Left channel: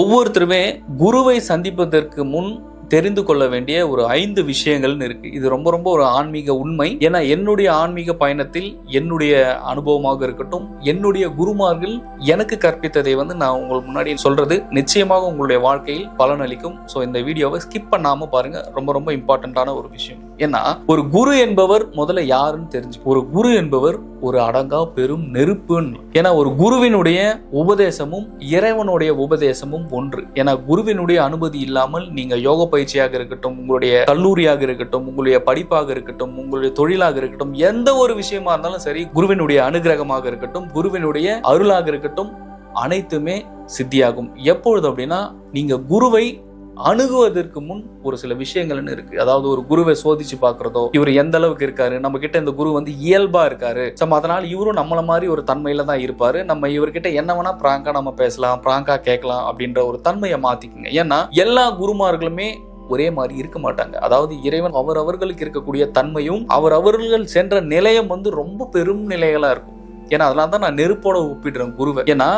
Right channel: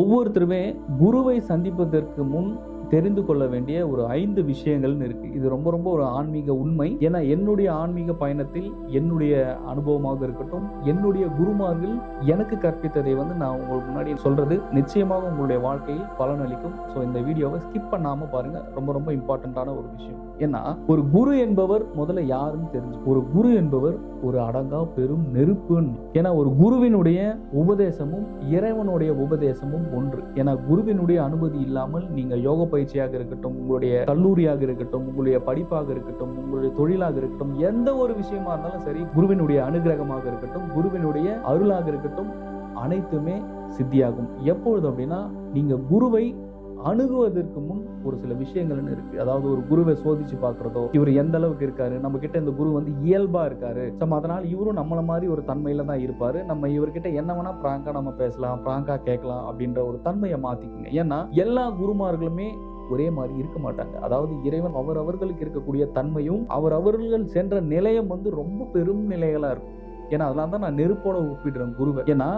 ஒவ்வொருத்தருமே குருவை சந்திப்பதற்கு முன் தெரிந்து கொள்ள வேண்டிய ஒரு 5 விஷயங்கள்னு இருக்கு. இது ரொம்ப ரொம்ப ஒரு ஆன்மீக உண்மை. ஏன்னா என்னுடைய ஆன்மீக பயணத்தில் என்னுடைய அனுபவமாக இருக்கட்டும், என்னுடைய குருமார்கள் எனக்கு கற்பித்ததை நான் உங்களுக்கு முன்னாடி சொல்றது நிச்சயமாக உங்களுடைய வாழ்க்கையில் பலனளிக்கும். ஸோ இந்த வீடியோவை ஸ்கிப் பண்ணாம பாருங்க. ரொம்ப ரொம்ப இம்பார்ட்டன்டான ஒரு விஷயம். ஏன்னா ஒரு குரு என்பவர் முதல்ல யாருன்னு தெரிஞ்சு, ஒரு குரு என்பவர் ஒரு அடங்கா பெரும் நெருப்புன்னு. ஏன்னா ஒரு குருவினுடைய உபதேசமும் இறைவனுடைய உபதேசமும் ஒன்று. ஏன்னா குருவினுடைய அனுமதி இல்லாமல் நீங்க யோக பயிற்சியாக இருக்கட்டும், உங்களுடைய கல்லூரியாக இருக்கட்டும், உங்களுடைய படிப்பாக இருக்கட்டும், உங்களுடைய தொழிலாக இருக்கட்டும், எந்த ஒரு விஷயமா இருந்தாலும் சரி, குருவினுடைய அனுகிரகமாக இருக்கட்டும், குருவினுடைய அருளாக இருக்கட்டும், அனைத்துமே சித்தியாகும். எப்பொழுது அப்படின்னா நீங்க குருவை அணுகுவதற்கு முன் ஒரு சில விஷயங்கள்னு இருக்கு. அதாவது ஒரு குருவை சோதிச்சு பார்க்கறதோ, இவர் எந்த அளவுக்கு இருக்காரு, நம்ம கிட்ட இந்த குரு இயல்பா இருக்காரு, அதனால இவரும் நம்மள மாதிரி ஒரு தன்மையில தான் இருப்பாரு, நம்ம இவர்கிட்ட என்ன வேணா பிராங்கா நம்ம பேசலாம், பிராங்கா கேட்கலாம் அப்படின்ற ஒரு தன்மையை மாத்திக்குங்க. ஏன்னா எல்லா குருமார்களுமே ஒரே மாதிரி இருக்க மாட்டாங்க. அதாவது இறைவன் அவர்களுக்கு இருக்கக்கூடிய தன்மையும் அவர்கள் சென்ற நிலையம் ரொம்ப பெரும் நிலைகளா இருக்கும். ஏன்னா அதனால தான் நான் நெருப்போட ஒப்பிடுறேன் குருவை. ஏன்னா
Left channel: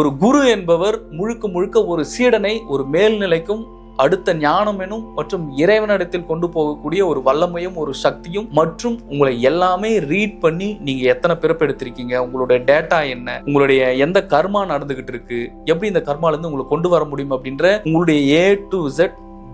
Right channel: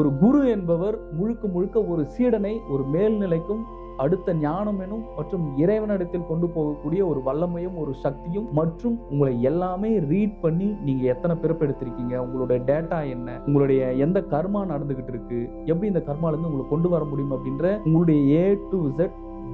ஒரு குரு என்பவர் முழுக்க முழுக்க ஒரு சீடனை ஒரு மேல்நிலைக்கும் அடுத்த ஞானம் எனும் மற்றும் இறைவனிடத்தில் கொண்டு போகக்கூடிய ஒரு வல்லமையும் ஒரு சக்தியும் மற்றும் உங்களை எல்லாமே ரீட் பண்ணி நீங்க எத்தனை பிறப்பெடுத்திருக்கீங்க, உங்களுடைய டேட்டா என்ன, உங்களுடைய எந்த கர்மா நடந்துகிட்டு இருக்கு, எப்படி இந்த கர்மால இருந்து உங்களை கொண்டு வர முடியும் அப்படின்ற உங்களுடைய A to Z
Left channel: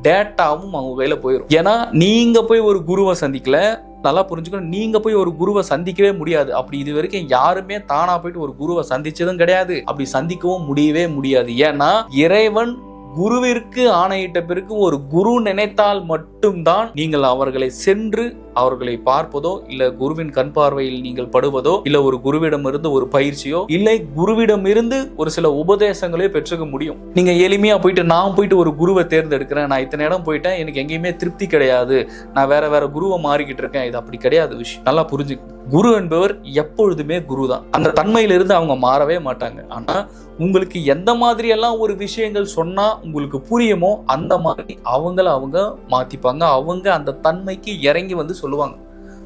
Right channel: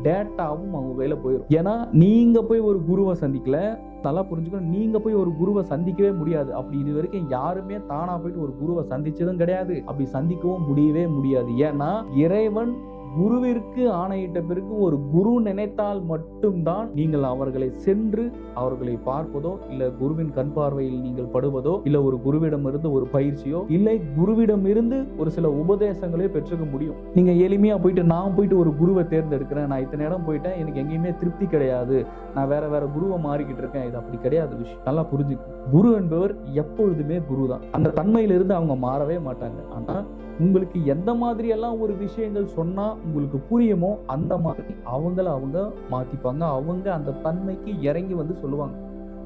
டேட்டாவும் அவங்க கையில போயிடும். ஏன்னா நீங்க போய் ஒரு குருவை சந்திக்கல, நல்லா புரிஞ்சுக்கணும், நீங்க போய் ஒரு குருவை சந்திக்கவே முடியாது. அப்படி இது வரைக்கும் யாருமே தானா போயிட்டு ஒரு குருவை சந்திச்சதும் கிடையாது, அப்படி சந்திக்கவும் முடியவே முடியாது. ஏன்னா இறைவன் குருவிற்கு ஆணையிட்ட பிறகு ஒரு குரு நினைத்தால் மட்டும்தான் நீங்கள் அவர்களை சென்று அவர்களை பார்ப்பதோ, இல்ல குருவின் கண் பார்வையில் நீங்கள் படுவதோ, இல்ல ஒரு குருவிடம் இருந்து ஒரு பயிற்சியோ, இல்லை குருவிடம் இருந்து ஒரு சில உபதேசங்களே பெற்றுக்க முடியும். நீங்க எளிமையா போயிட்டு நான் போயிட்டு ஒரு குருவை தேர்ந்தெடுக்கிறேன், நான் இத்தனை இடம் போயிட்டேன், எனக்கு எங்கேயுமே திருப்தி கிடையாது, நான் வேற குருவை மாறிக்கிட்டு இருக்கேன், இது அப்படி கிடையாது விஷயம். நல்லா புரிஞ்சு, குரு என்பவர் எப்பொழுதுமே குரு தான். அந்த தன்மையிலிருந்து அவங்க மாறவே மாட்டாங்க. ஆனா உங்களுக்கு எந்த மாதிரி எல்லாம் ஒரு விஷயங்கள் சொன்னா உங்களுக்கு புரியுமோ அந்த மாதிரி அவங்க மாத்திப்பாங்க. அவங்க அந்த தன்மைக்கு இறங்கி சொல்லுவாங்க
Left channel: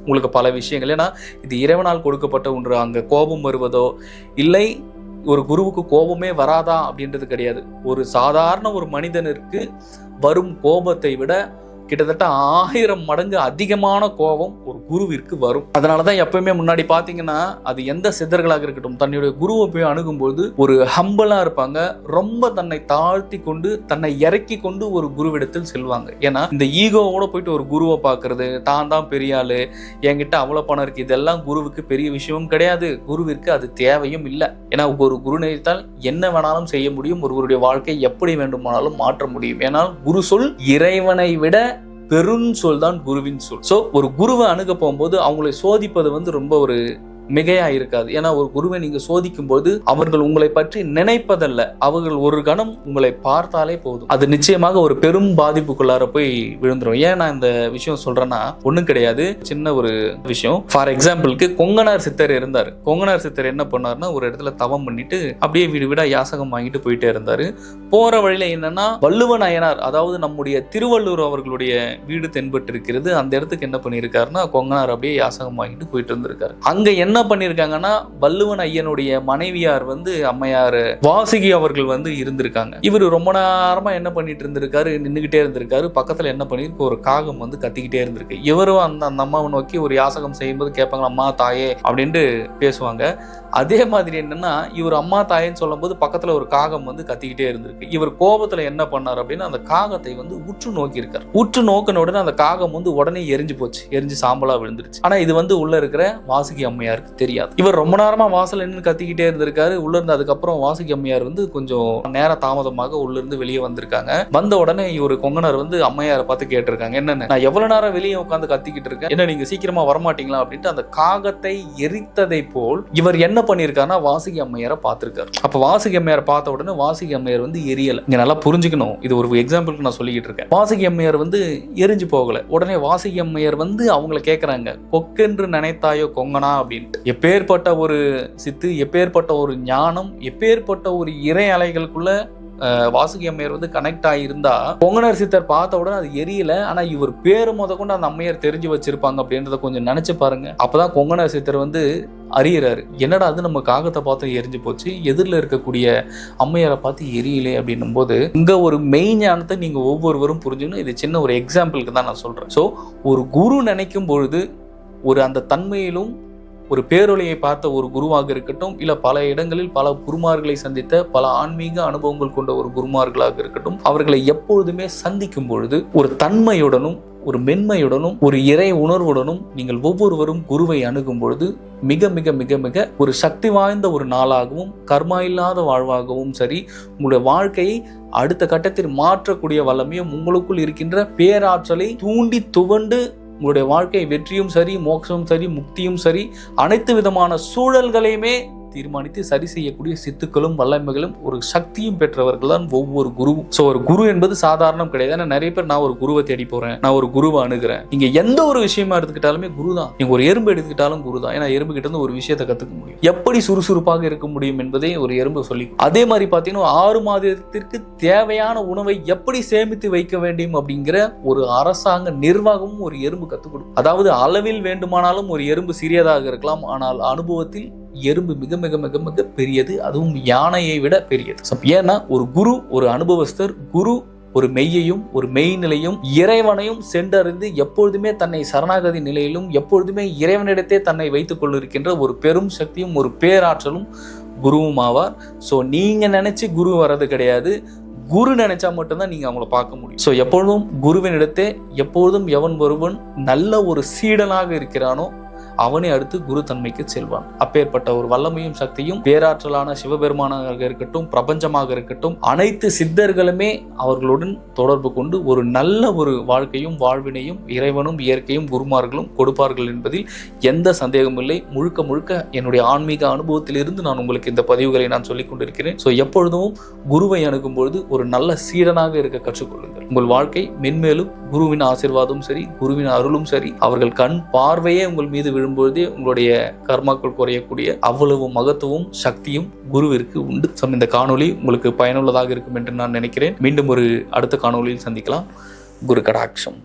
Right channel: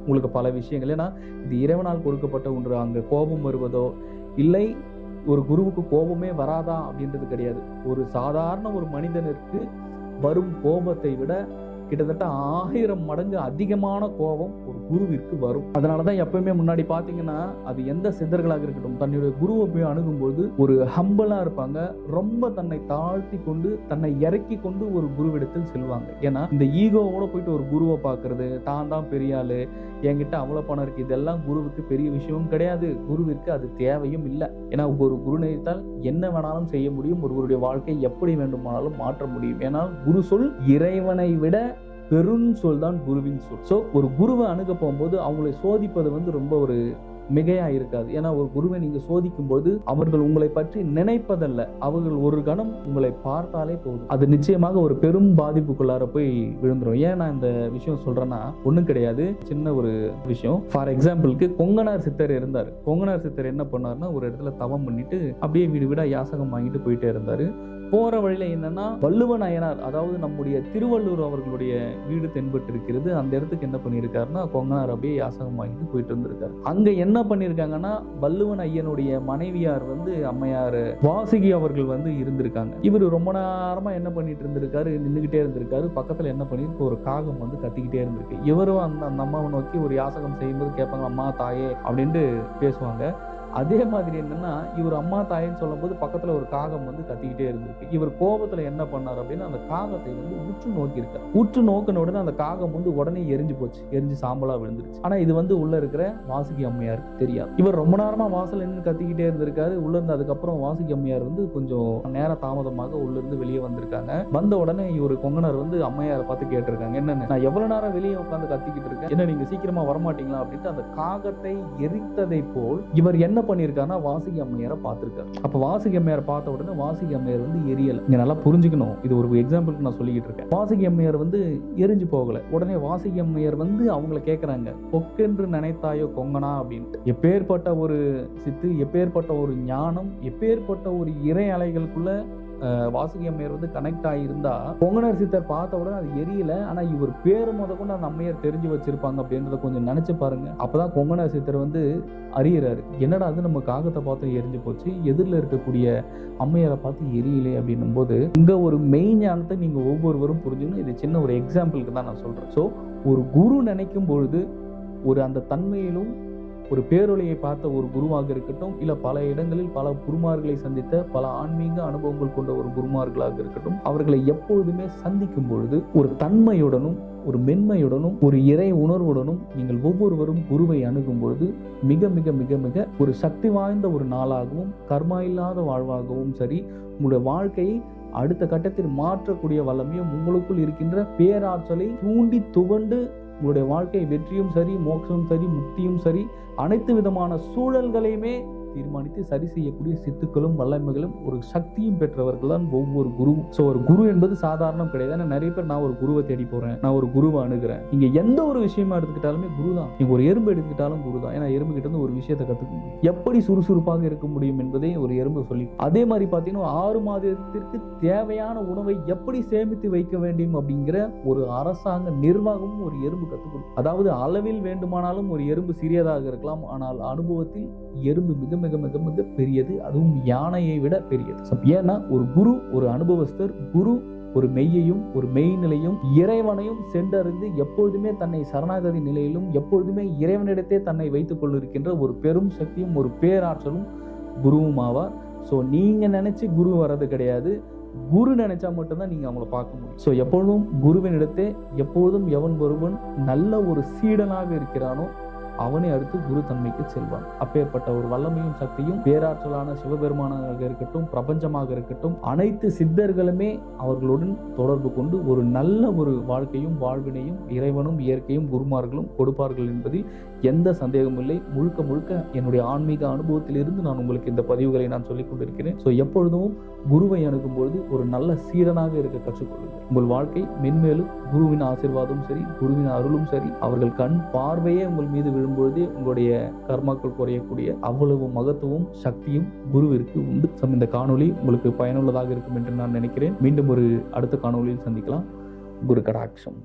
உங்களுக்கு பல விஷயங்கள். ஏன்னா இது இறைவனால் கொடுக்கப்பட்ட ஒன்று. அங்க கோபம் வருவதோ, இல்லை ஒரு குருவுக்கு கோபமே வராதா அப்படின்றது கிடையாது. ஒரு சாதாரண ஒரு மனிதனுக்கு வரும் கோபத்தை விட கிட்டத்தட்ட 1000 மடங்கு அதிகமான கோபம் ஒரு குருவிற்கு வரும். அதனாலதான் எப்பயுமே முன்னாடி பாத்தீங்கன்னா அது எந்த சித்தர்களாக இருக்கட்டும், தன்னுடைய குருவை போய் அணுகும்போது ஒரு ஹம்பலா இருப்பாங்க, ரொம்ப தன்னை தாழ்த்தி கொண்டு தன்னை இறக்கி கொண்டு ஒரு குருவிடத்தில் செல்வாங்க. ஏன்னா இந்த ஈகோவோட போயிட்டு ஒரு குருவை பாக்குறது, தான் தான் பெரிய ஆளு, என்கிட்ட அவ்வளவு பணம் இருக்கு, இதெல்லாம் குருவுக்கு பெரிய விஷயமும் கிடையாது. குருவிற்கு அது தேவையும் இல்லை. ஏன்னா ஒரு குரு நினைத்தால் என்ன வேணாலும் செய்ய முடியும், ஒருவருடைய வாழ்க்கை எப்படி வேண்டுமானாலும் மாற்ற முடியும். ஏன்னால் குரு சொல் இறைவனை விட பெருஞ்சொல் தான் குருவின் சொல். சோ ஒரு குருவை அணுக போகும்போது அவங்களை சோதிப்பது ரொம்ப ஒரு மிகையா இருக்காது. ஏன்னா ஒரு குருவை நீங்க சோதிக்கும் போது அவர்கள் உங்களை பற்றி நினைப்பதல்ல, அவர்கள் ஒரு கணம் உங்களை பார்த்தாலே போதும், அது நிச்சயமாக ஒரு பெரும் பாதிப்புக்குள்ளார போய் விழுந்துரும். ஏன் நான் இந்த விஷயம் சொல்றேன்னா ஒண்ணும் கிடையாது, சின்ன ஒரு விஷயம். ஃபார் எக்ஸாம்பிளுக்கு கொங்கனார் சித்தர் இருந்தாரு. கொங்கனார் சித்தர் என்ன பண்ணாருன்னா ஒரு இடத்துல தவம் பண்ணிட்டு அப்படியே வீடு வீடா யாசகம் வாங்கிட்டு போயிட்டே இருந்தாரு. போற வழியில என்னன்னா வள்ளுவ நாயனார், அதாவது நம்முடைய திருவள்ளுவர் அவர்களுடைய வீடு தென்பட்டு இருக்கிறது. அந்த இடத்துக்கு என்ன பண்ணியிருக்காருன்னா கொங்கனார் அப்படியே யாசகம் வாங்கிட்டு போயிட்டு இருந்திருக்காரு. அங்க என்ன பண்ணிருக்காங்கன்னா வள்ளுவன் ஐயனுடைய மனைவியார் அம்மையார் வாசுகி அவர்கள் இருந்திருக்காங்க. இவர் ரொம்ப நேரமா என்ன பண்ணிட்டு இருந்திருக்காரு, நின்னுகிட்டே இருந்திருக்காரு. பக்கத்துல என்ன பண்ணிருக்கு, ஒரு காகம் கத்திக்கிட்டே இருந்திருக்கு. இவரும் அந்த அம்மாவை நோக்கி ஒரு யாசகம் செய்யும்போது கேட்பாங்க, அம்மா தாயே அப்படின்ட்டு பேசுவாங்க. அதே மாதிரி என்னன்னா இவர் அம்மா தாயேன்னு சொல்லும் போது பக்கத்துல ஒரு காகம் கத்திக்கிட்டே இருந்திருக்கு. இவர் கோபத்துல என்ன பண்ணார் அப்படின்னா அந்த காகத்தை உற்று நோக்கி இருக்காரு. உற்று நோக்கின உடனே அந்த காகம் உடனே எரிஞ்சு போச்சு, எரிஞ்சு சாம்பலா விழுந்துருச்சு. ஆனா இது உள்ள இருக்கிற வாசுகி அம்மையாருக்கு தெரியாது. இவர் ரொம்ப நேரமா வாசல் நின்று கத்திக்கிட்டே இருந்திருக்காரு. உள்ள இருந்து அதுக்கப்புறம் வாசுகி அம்மையார் கொஞ்சம் நேர தாமதமாக உள்ள இருந்து வெளியே வந்திருக்காங்க. வந்த உடனே இவர் கொங்கனார் அம்மையாரை பார்த்து கேட்டிருக்காங்க, என்னன்னு நான் எவ்வளவு நேரம் வெளியே உட்காந்து கத்திக்கிட்டு இருக்கேன், என்ன நீங்க சீக்கிரமா வரமாட்டீங்களா அப்படின்ட்டு அந்த காகத்தை எரித்ததை போல் இவர் என்ன பண்ணிருக்காருன்னா வாசுகி அம்மையாரை பார்த்திருக்காரு. அப்ப வாசுகி அம்மையாரை பார்த்த உடனே வாசுகி அம்மையார் எரியல. நீங்க நல்லா புரிஞ்சுக்கணும், இது ஒரு எக்ஸாம்பிளுக்கு நான் சொல்லிக்கிட்டு இருக்கேன். வாசுகி அம்மையார் எரிஞ்சு போகல. உடனே வாசுகி அம்மையார் அவங்களை கேட்கறாங்க, கொக்கென்று நினைத்தாயோ கொங்கனா அப்படின்ட்டு. எப்பேற்பட்ட ஒரு சித்து, எப்பேற்பட்ட ஒரு ஞானம், எப்பேற்பட்ட ஒரு இறை அலைகளுக்குள்ள வாசுகி அம்மையார் வந்து கனெக்ட் ஆகியிருந்தா கொங்கணர் சித்தர் பார்த்த உடனே அது எரியல, ஆனா இவர் பேரு முத கொண்டு அந்த அம்மையார் தெரிஞ்சு வச்சிருப்பாங்க அப்படின்றத கொஞ்சம் நினைச்சு பாருங்க. அப்பதான் கொங்கணர் சித்தர் வந்து அறியறாரு, என்னடா அது நம்ம காகத்தை பார்த்து எரிஞ்சு போச்சு, எதிரில் இருக்கக்கூடிய அம்மையாரை பார்த்து எரியலே அப்படின்னும் போது இங்க ஒரு மெயின் ஞானத்தை நீங்க ஒவ்வொருவரும் புரிஞ்சுக்கணும். இது சின்ன ஒரு எக்ஸாம்பிளுக்கு தான் நான் சொல்றேன். ஸோ ஒரு குரு நினைக்கும் பொழுது ஒரு அந்த தன்மையிலும் ஒரு பேரொழியை பார்த்த ஒரு குருவாக இருக்கட்டும், இல்ல பல இடங்களில் பல குருமார்களை சந்தித்த பல ஆன்மீக அனுபவங்கள் கொண்ட ஒரு குருமார்களாக இருக்கட்டும், அவர்களை எப்பொழுதுமே சந்திக்கும் பொழுது ஒரு தன்மையுடனும் ஒரு மென்மையுடனும் ஒரு இறை உணர்வுடனும் நீங்கள் ஒவ்வொருவரும் குருவை அணுகும் பொழுது மிக மிக மிக மிக ஒரு சக்தி வாய்ந்த ஒரு நாளாகவும் கர்மா இல்லாத வாழ்வாகவும் சரி, உங்களுடைய வாழ்க்கையை அடுத்த கட்டத்தில் மாற்றக்கூடிய வல்லமையும் உங்களுக்குள் இருக்கின்ற பேராற்றலை தூண்டி துவண்டு உங்களுடைய வாழ்க்கை வெற்றியும் சரி, மோட்சமும் சரி, முக்தியும் சரி, அனைத்து விதமான சூழல்களையுமே தீர்மானித்து சரி செய்யக்கூடிய சித்துக்களும் வல்லமைகளும் ஒரு சக்தியும் பெற்றவர்கள் தான் ஒவ்வொரு குருவும். ஸோ ஒரு குரு என்பது சாதாரணம் கிடையாது. ஏன்னா நிறைய பேர் நான் ஒரு குருவை தேடி போறேன், நான் ஒரு குருவை அணுகிறேன். நீங்க எந்த ஒரு விஷயமா எடுத்துக்கிட்டாலுமே குரு தான். நீங்க ஒரு எறும்பு எடுத்துக்கிட்டாலும் குரு தான். ஏன்னா எறும்பு கிட்ட இருந்து ஒரு விஷயத்தை கத்துக்க முடியும், எப்படி சுறுசுறுப்பாக இருக்க முடியும் என்பதை ஒரு எறும்பு சொல்லி. அதே மாதிரி பார்த்தீங்கன்னா 6 மாதத்திற்கு தேவையான உணவை எப்படி சேமித்து வைக்க வேண்டும் அப்படிங்கிற ஒரு அரசாங்க நிர்வாகமும் ஒரு எறும்பு கத்துக் கொடுக்கும். அதாவது அளவில் வேண்டுமானாலும் ஒரு எறும்பு சிறியதாக இருக்கலாம், ஆனால் அனுபவத்தில் எறும்பு மிக மிக மிக மிக பெரியது, அதுவும் யானையை விட பெரியது. ஏன்னா ஒரு குரு ஒரு அனுபவஸ்தர், குரு ஒரு மெய்யையும் ஒரு மெய்நிலையும் இறைவனையும் சென்றறிந்து எப்பொழுதுமே தன்னை சரணாகதி நிலையிலும் எப்பொழுதுமே இறைவனிடத்தே தன்னை வைத்துக் கொண்டிருக்கின்ற ஒரு பெரும் சக்தியும் ஒரு பேராற்றலும் குருவும் ஆவார். ஸோ நீங்க நினைச்சு குரு வர்றது கிடையாது, குரு நினைச்சா மட்டும்தான் நீங்க அவங்கள பார்க்க முடியும். ஸோ எப்பொழுதும் குருவின் இடத்தே எப்பொழுதும் எவன் ஒருவன் நல்ல ஒரு சீடனாக இருக்கிறானோ அவனை அடுத்து குரு தன்மைக்கு செல்வான். அப்பேற்பட்ட ஒரு வல்லமையும் சக்தியும் பேராற்றலான சிவபெருமானாக இருக்கட்டும், பிரபஞ்சமாக இருக்கட்டும், அனைத்து சித்தர்களுமே அவர்களுடன் தொடர்பு கொண்டு ஒரு நல்ல ஒரு வாழ்க்கையும் வாழ்வினையும் இறைவனும் இயற்கையும் குருமார்களும் கொடுப்பார்கள் என்பதில் எந்த சந்தேகமும் இல்லை. முழுக்க முழுக்க என்னுடைய ஆன்மீக அனுபவத்திலிருந்து நான் உங்களுக்கு இந்த பதிவுகளை நான் சொல்லிக் கொண்டிருக்கிறேன். ஸோ எப்பொழுதும் குருவை அணுகும் பொழுது ஒரு நல்ல சீடனாக இருக்க கற்றுக்கொள்ளுங்கள். உங்கள் வாழ்க்கை மென்மேலும் குருவின் ஆசீர்வாதமும் சரி, குருவின் அருளும் சரி, அவர்கள் கண் பார்வையே உங்கள் மீது விழும்பொழுதே உங்களுடைய கர்மாக்கள் குறையக்கூடிய அவ்வளவு மகத்துவம் சக்தியும் குருவிற்கு உண்டு. இந்த காணொளி உங்களுக்கு பயனுள்ளதாக இருக்கும் என்று நான் நினைக்கிறேன். மீண்டும் ஒரு அடுத்த காணொளியில் சந்திக்கலாம். குரு கடாட்சம்.